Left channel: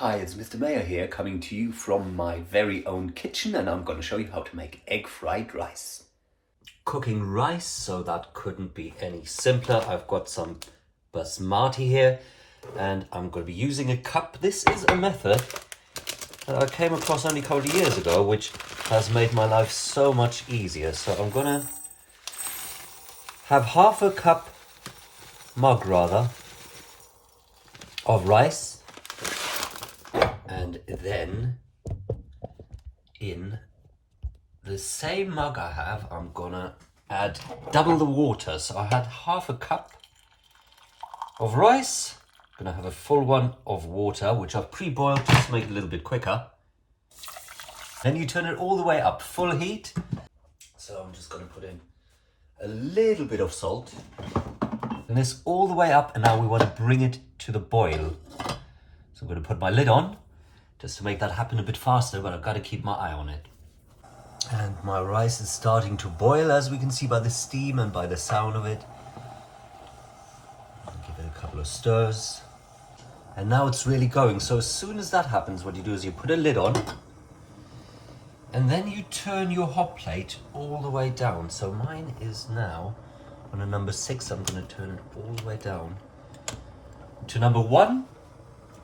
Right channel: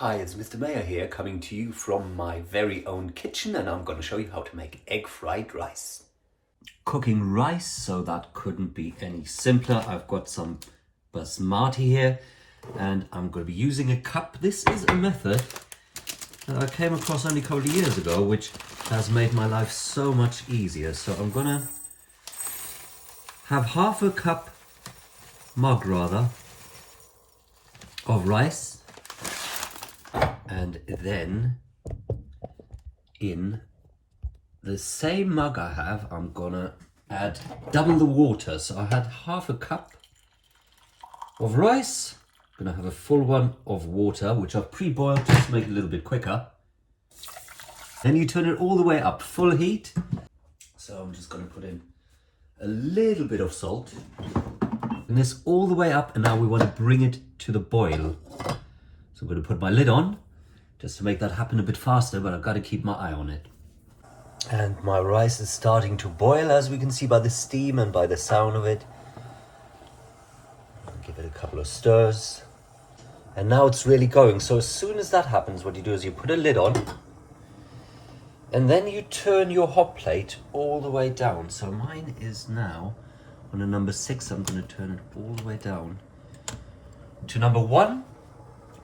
Hi, it's Mr. Mayor here, coming to you from my very own kitchen, and I'm going to show you how to make egg fried rice. Cooking rice, so that couldn't be any simpler. I've got some basmati here, and I'm going to be using a cup. This is a method that I came across only a couple of years ago, which has made my life so much easier. So I'm going to have half a mug of rice, and then in the same mug I have, I'm gonna add double the water. So I had half a cup of rice, gonna have a full one of water, which I've pre-boiled just to make it a little bit quicker. Then you turn it all the way up, full heat. So I'm just gonna put in a little bit of salt. Then it's all the way up, and now we want to bring it to the boil. So I'm gonna put my lid on, just to make that happen a bit faster, but I've got to keep my eye on it. And my rice is starting to boil, as we can see by the steam and by the sound of it. I'll give it a couple of stirs. And now it's really going. So as soon as that happens, what you do is you put a lid on, and then you turn your hot plate all the way down. So mine is now on a number 6. I'm going to turn it all the way down to number 1.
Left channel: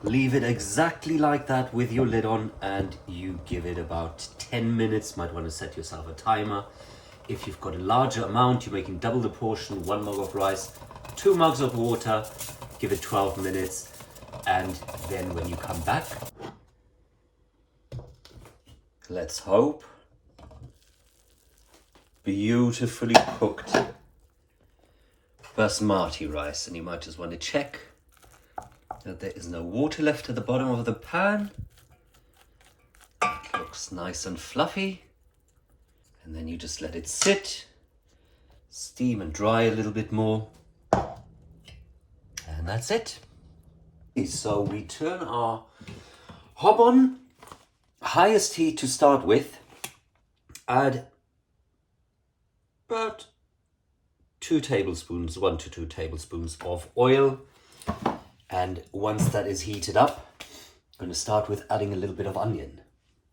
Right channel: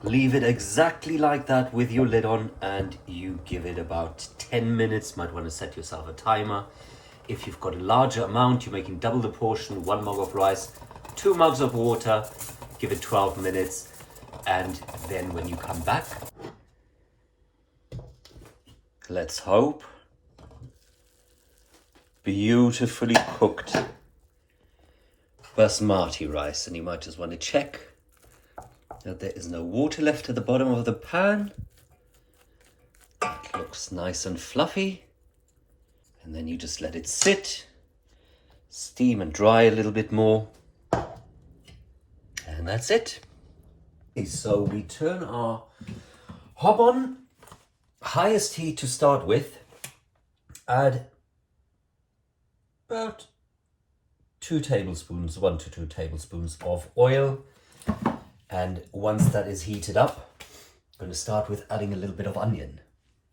Leave it exactly like that with your lid on, and you give it about 10 minutes. Might want to set yourself a timer. If you've got a larger amount, you're making double the portion, 1 mug of rice, 2 mugs of water, give it 12 minutes. And then when you come back, let's hope, beautifully cooked basmati rice. And you might just want to check that there is no water left at the bottom of the pan. It looks nice and fluffy. And then you just let it sit, steam and dry a little bit more. And that's it. So we turn our hob on, highest heat to start with. Add about 1 to 2 tablespoons of oil. And once that is heated up, I'm going to start with adding a little bit of onion.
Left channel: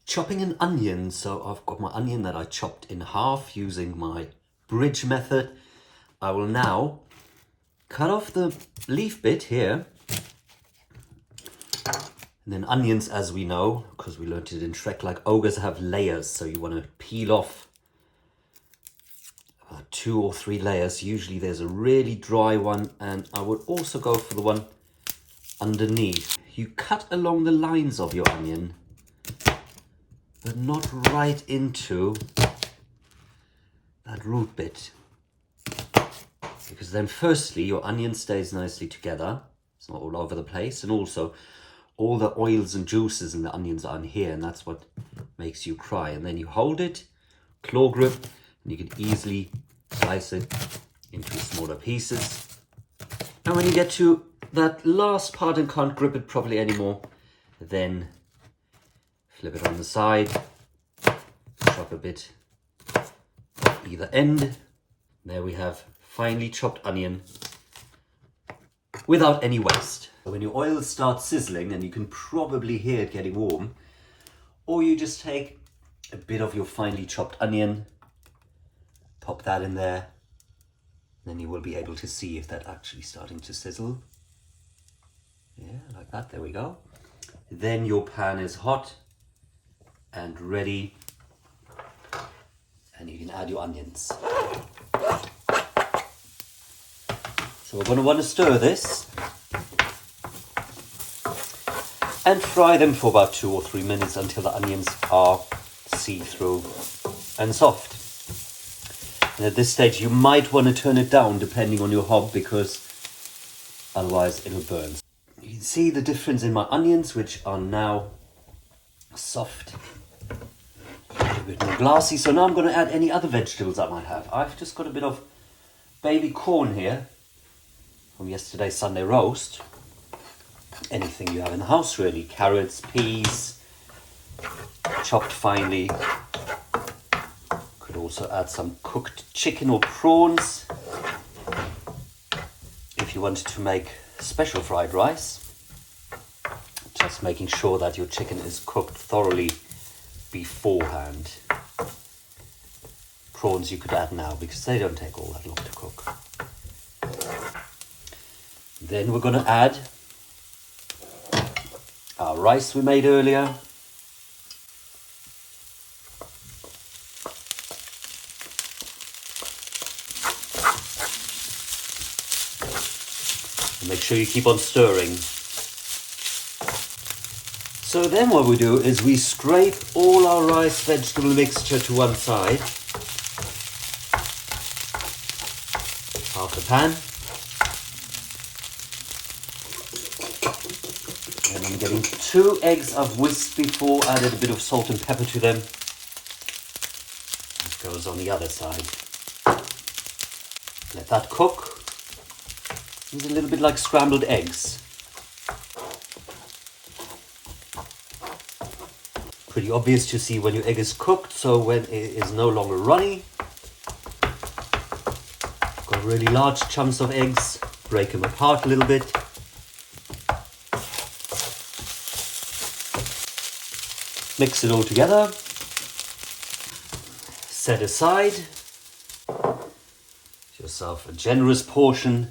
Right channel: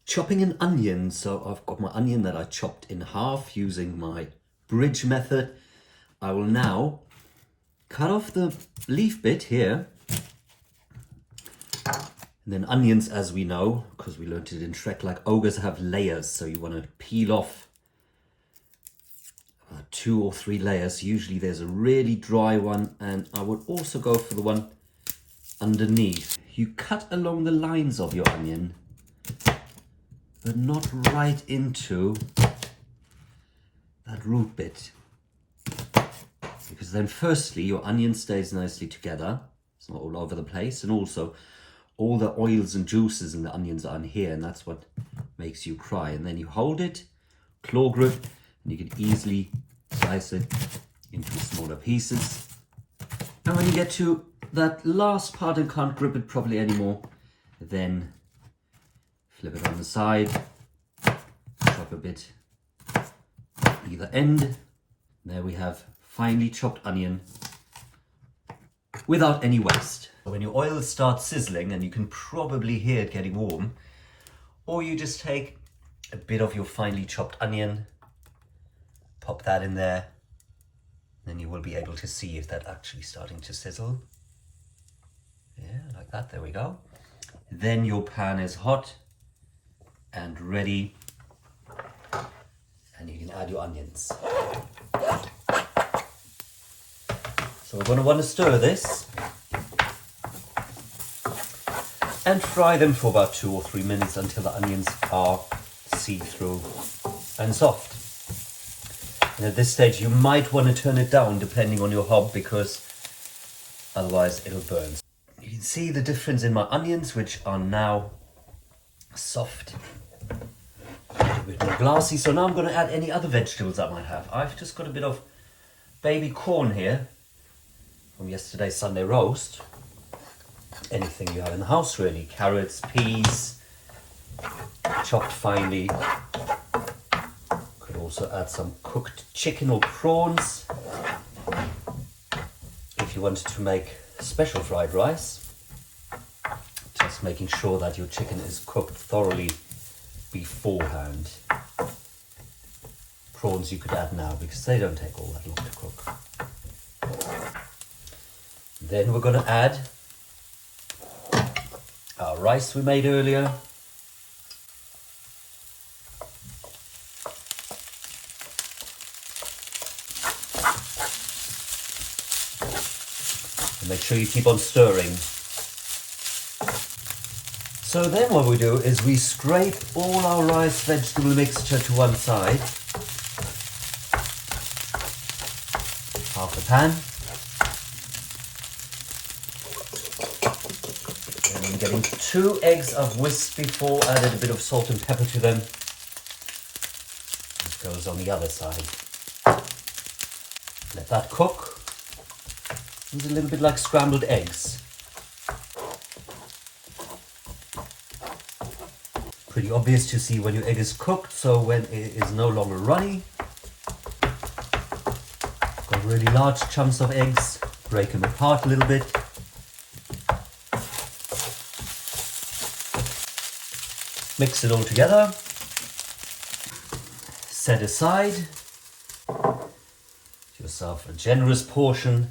Chopping an onion, so I've got my onion that I chopped in half using my bridge method. I will now cut off the leaf bit here. And then onions, as we know, because we learned it in Shrek, like ogres, have layers. So you want to peel off 2 or 3 layers. Usually there's a really dry one, and I would also go for the one underneath. You cut along the lines of your onion, but not right into that root bit, because then firstly your onion stays nicely together, it's not all over the place, and also all the oils and juices in the onions are in here, and that's what makes you cry. And then you hold it, claw grip, and you can easily slice it into smaller pieces. And when you get to that last part and can't grip it properly anymore, then flip it on the side, chop a bit either end. There we have finely chopped onion without any waste. So when your oil starts sizzling, and you can probably hear it getting warm, or you just take a bit of your finely chopped onion, pop that in there, then you will be able to see if that's actually starting to sizzle. Yeah, like that, there we go. Then your pan is hot and ready, and you can add your onions. So we're going to want to stir this and fry them for about 2 or 3 minutes until the onions are see-through and soft. And at this stage you might want to turn it down depending on your hob, because otherwise it'll burn. You can see the difference in my onions, which are now soft, a bit more glassy. So now I'm going to add any other vegetables I might have. I've just got a bit of baby corn here from yesterday's Sunday roast. Anything you have in the house really, carrots, peas, chopped finely. Could also add some cooked chicken or prawns. If you wanted to make special fried rice, just Just making sure that your chicken is cooked thoroughly beforehand. Prawns you could add now because they don't take all that long to cook. Then we're going to add our rice we made earlier. And make sure you keep on stirring. So then what we do is we scrape all our rice vegetable mixture to one side. Half the pan. And I'm getting 2 eggs I've whisked before, added a bit of salt and pepper to them. This goes on the other side. Let that cook. It's a little bit like scrambled eggs. Pretty obvious to see when your egg is cooked, so when it is no longer runny. Got really large chunks of eggs, break them apart a little bit. Mix it all together. Set aside. Get yourself a generous portion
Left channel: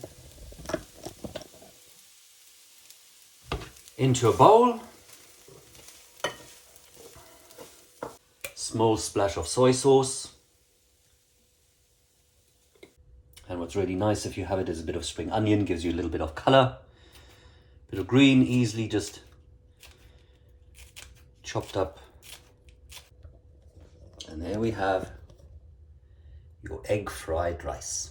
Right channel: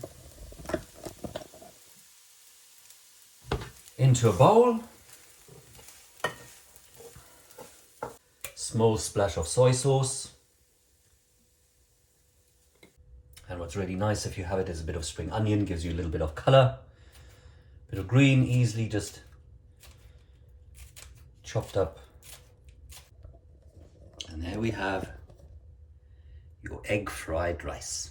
into a bowl. Small splash of soy sauce. And what's really nice if you have it is a bit of spring onion, gives you a little bit of color. Bit of green, easily just chopped up. And there we have your egg fried rice.